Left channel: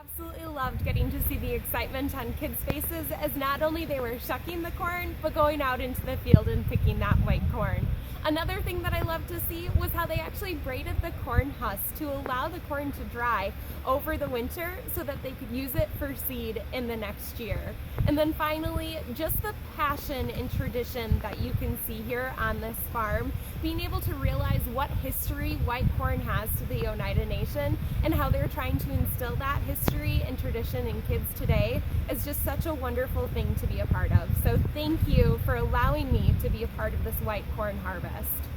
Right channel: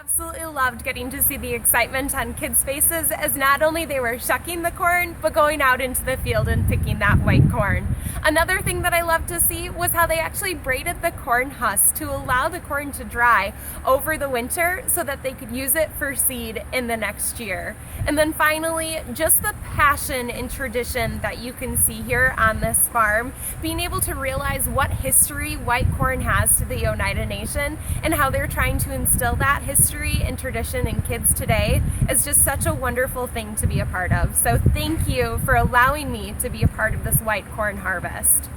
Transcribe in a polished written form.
Absolutely loved getting to see the excitement on kids' faces as not only they were shucking the corn, but going out into the field and picking that white corn. Another thing that I loved to see was how they actually braided the corn husk to allow the corn to dry over the winter so that they could use it for seed in the next year. And then finally, just the passion and tradition that you can see here on this farm, being able to realize what history white corn has to the Oneida Nation and how they're trying to instill that history and tradition in kids today is just such a wonderful thing to be a part of. So thank you for allowing me to be a part of this white corn harvest.